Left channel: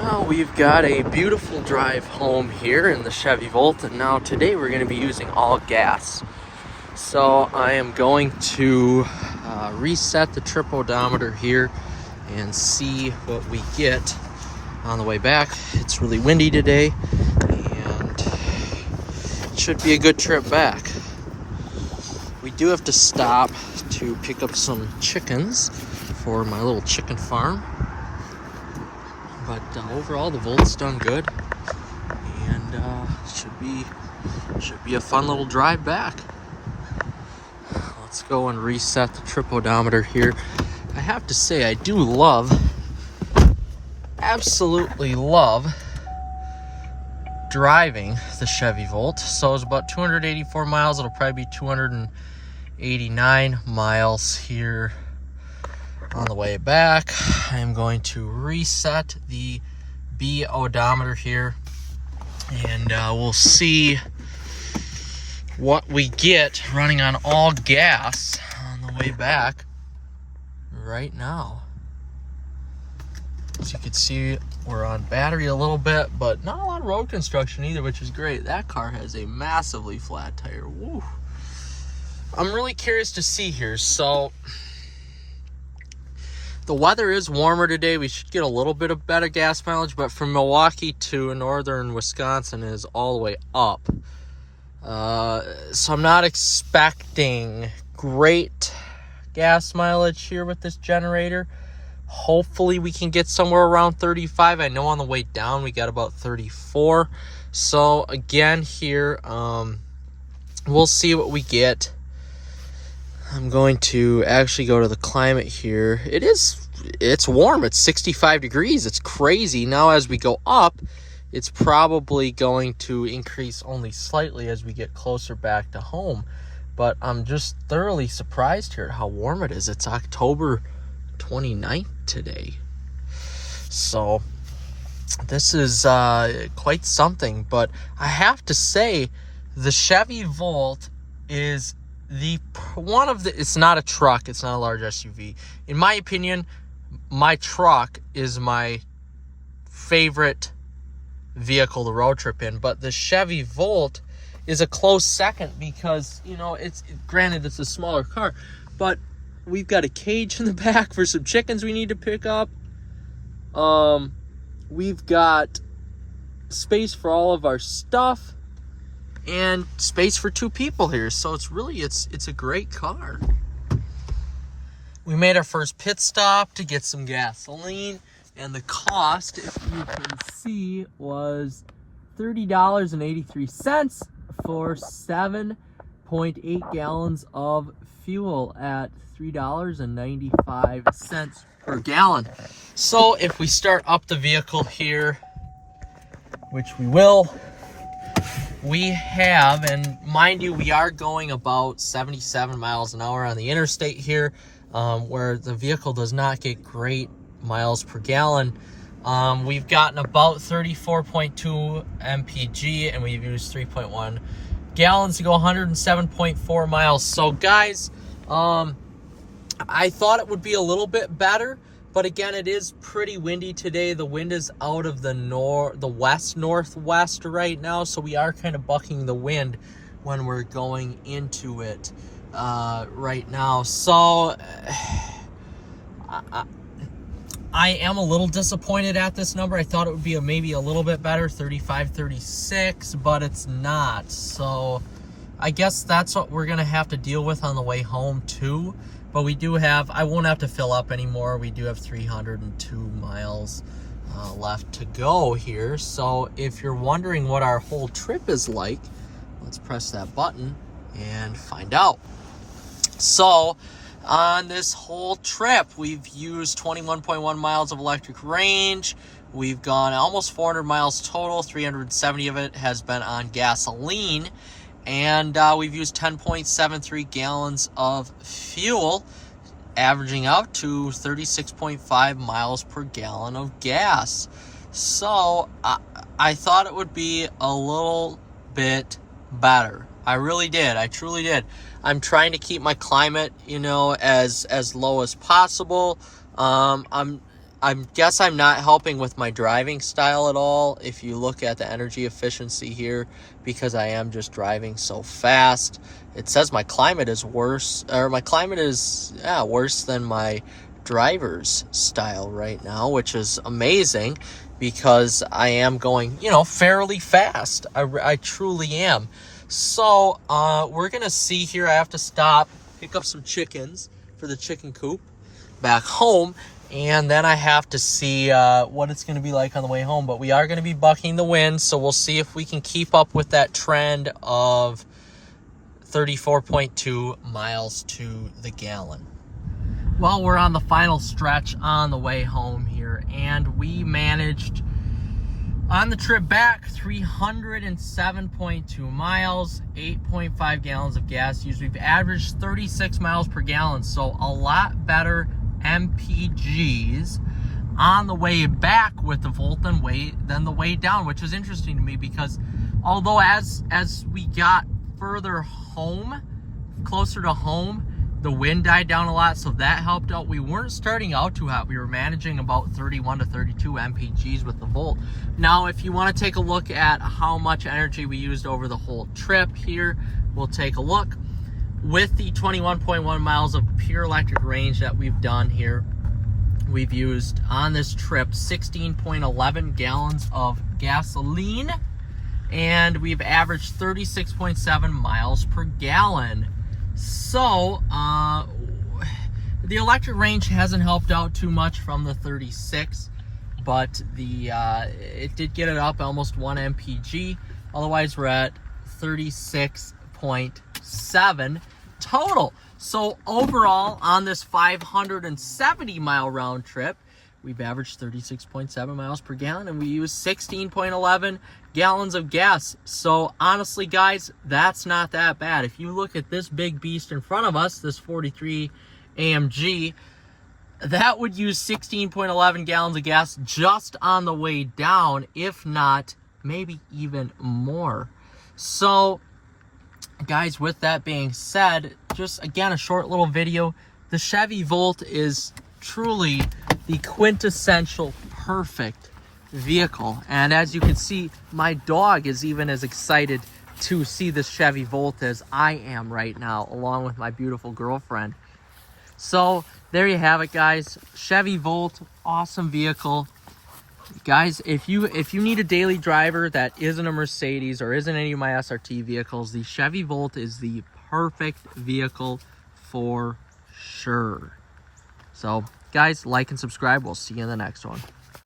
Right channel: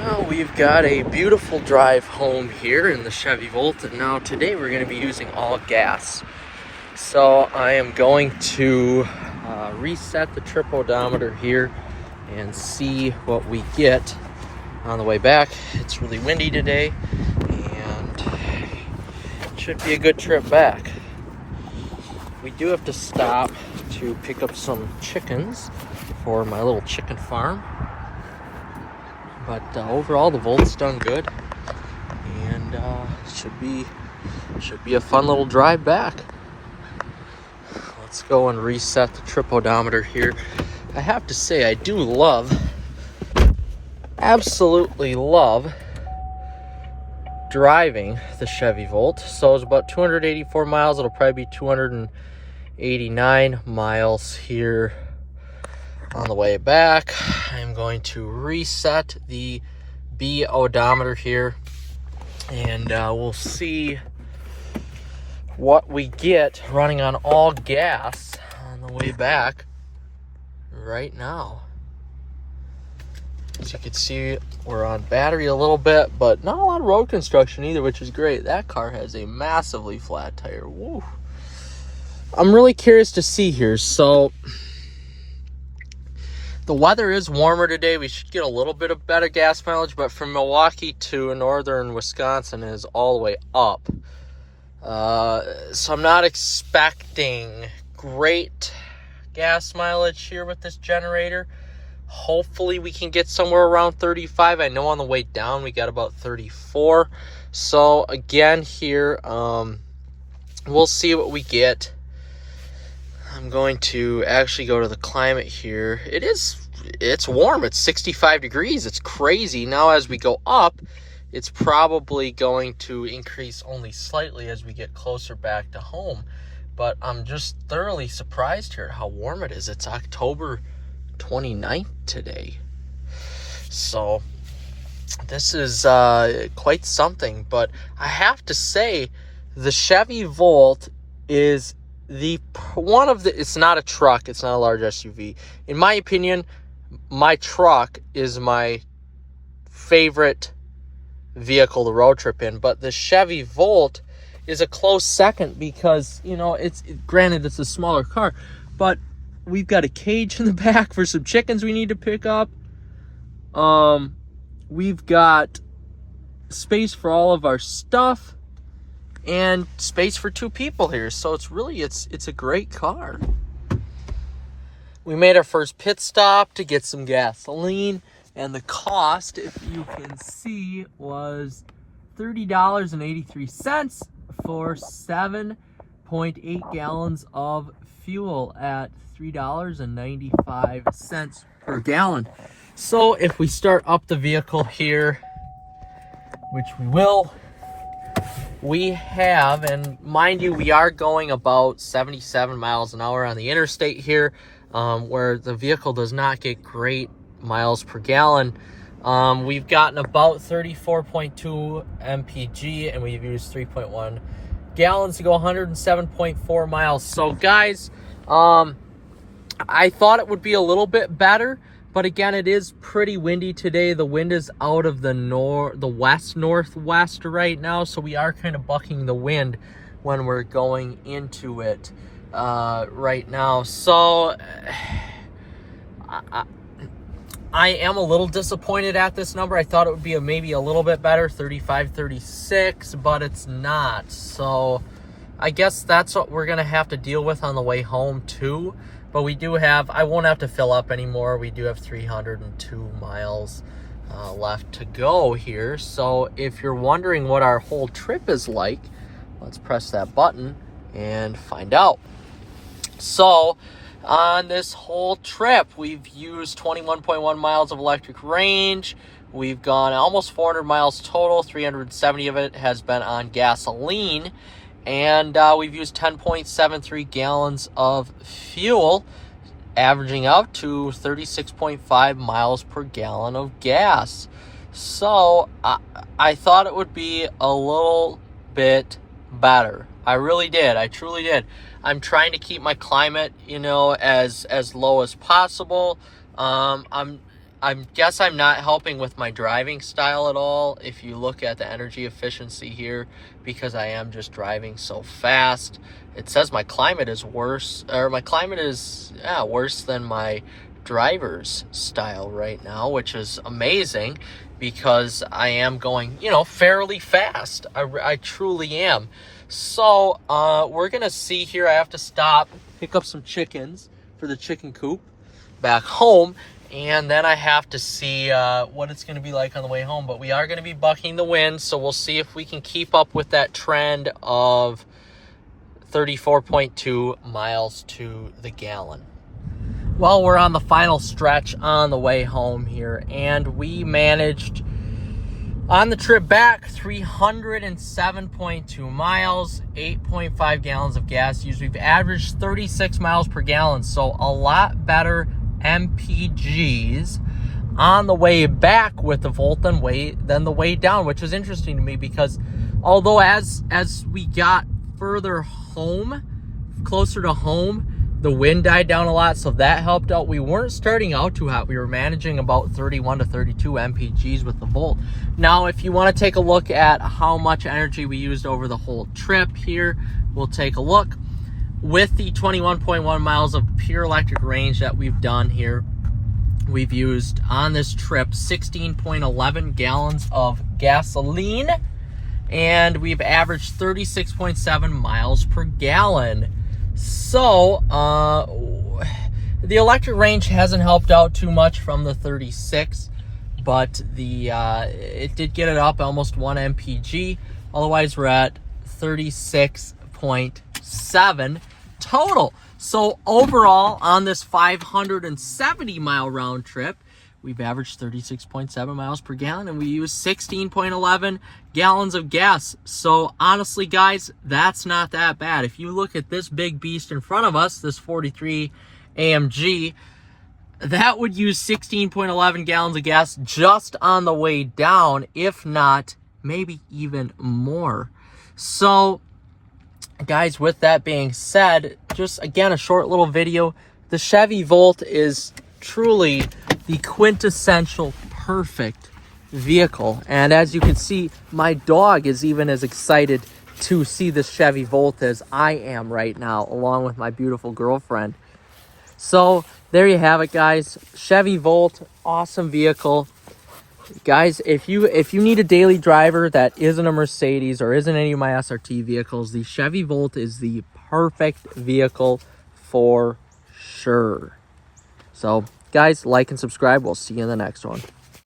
Well, we've got a beautiful drive home here in the Chevy Volt, and now today we're going to be using all gas. So I am going to reset the trip odometer here and see what we get on the way back. It's really windy today, and it should be a good trip back. We do have to stop to pick up some chickens for my little chicken farm. But overall, the Volt's done good, and should be a fun little drive back. Let's go and reset the trip odometer here. I have to say, I do absolutely love driving the Chevy Volt. So it's about 284 miles. It'll probably be 289 miles here on the way back. I'm going to reset the B odometer here, and we'll see what we get running on all gas on the way back right now. As you can see, we're on battery a little bit, but not a lot of road construction either, which is great. That car has a massively flat tire. Woo. I'm really curious to see here. So the weather is warmer today. We should get a little bit of better gas mileage, but from Milwaukee to northern Wisconsin is all the way up. So I'm not expecting great gas mileage here with this generator. Hopefully we can get somewhere around 35. I know on the way down we got about 34. So again here, we'll see what we get. I'm going to actually go to the climate here. It's warm. It's 65 degrees. It's crazy. Now as we go up, it's probably going to increase only slightly as we get closer back to home. But I'm just thoroughly surprised here at how warm it is. It's October 29th today. So this is quite something. But I have to say, the Chevy Volt is it's not a truck, it's not a large SUV. In my opinion, my truck is my favorite vehicle to road trip in, but the Chevy Volt is a close second because, granted it's a smaller car, but we've got a cage in the back for some chickens we need to pick up. We've got space for all of our stuff and space for two people here. So it's a great car. We made our first pit stop to get some gasoline, and the cost, if you can see, was $30.83 for 7.8 gallons of fuel at $3.95 per gallon. So if we start up the vehicle here, which we will, we have, and mind you, we are going about 77 miles an hour on the interstate here, where the vehicle does not get great miles per gallon. We've gotten about 34.2 mpg, and we've used 3.1 gallons to go 107.4 miles. So guys, I thought it would be a little bit better, but again, it is pretty windy today. The wind is out of the west-northwest right now, so we are kind of bucking the wind when we're going into it right now. So I am a little disappointed at this number. I thought it would be maybe a little bit better, 35, 36, but it's not. So I guess that's what we're going to have to deal with on the way home too. But we do have, I won't have to fill up anymore. We do have 302 miles left to go here. So if you're wondering what our whole trip is like, let's press that button and find out. So on this whole trip, we've used 21.1 miles of electric range. We've gone almost 400 miles total. 370 of it has been on gasoline. And we've used 10.73 gallons of fuel, averaging out to 36.5 miles per gallon of gas. So I thought it would be a little bit better. I really did. I truly did. I'm trying to keep my climate, as low as possible. I'm guess I'm not helping with my driving style at all if you look at the energy efficiency here, because I am just driving so fast. It says my climate is worse, or my climate is worse than my driver's style right now, which is amazing because I am going, fairly fast. I truly am. So we're gonna see here. I have to stop, pick up some chickens for the chicken coop back home, and then I have to see what it's going to be like on the way home. But we are going to be bucking the wind, so we'll see if we can keep up with that trend of 34.2 miles to the gallon. Well, we're on the final stretch on the way home here, and we managed on the trip back 307.2 miles, 8.5 gallons of gas used. We've averaged 36 miles per gallon, so a lot better MPGs on the way back with the Volt than the way down, which is interesting to me because although as we got further home, closer to home, the wind died down a lot, so that helped out. We weren't starting out too hot. We were managing about 31 to 32 MPGs with the Volt. Now, if you want to take a look at how much energy we used over the whole trip here, we'll take a look. With the 21.1 miles of pure electric range that we've done here, we've used on this trip 16.11 gallons of gasoline, and we've averaged 36.7 miles per gallon. So, the electric range hasn't helped out too much from the 36, but it did get it up almost 1 MPG. Otherwise, we're at 36.7 total. So, overall, on this 570-mile round trip, we've averaged 36.7 miles per gallon, and we used 16.11 gallons of gas. So honestly, guys, that's not that bad. If you look at this big beast in front of us, this 43 AMG, that would use 16.11 gallons of gas just on the way down, if not maybe even more. So guys, with that being said, just again, a short little video. The Chevy Volt is truly the quintessential perfect vehicle, and as you can see, my dog is even as excited to see this Chevy Volt as I am right now, along with my beautiful girlfriend. So there you have it, guys. Chevy Volt, awesome vehicle. Guys, if you need a daily driver that isn't a Mercedes or isn't any of my SRT vehicles, the Chevy Volt is the perfect vehicle for sure. So guys, like and subscribe. We'll see you in the next one.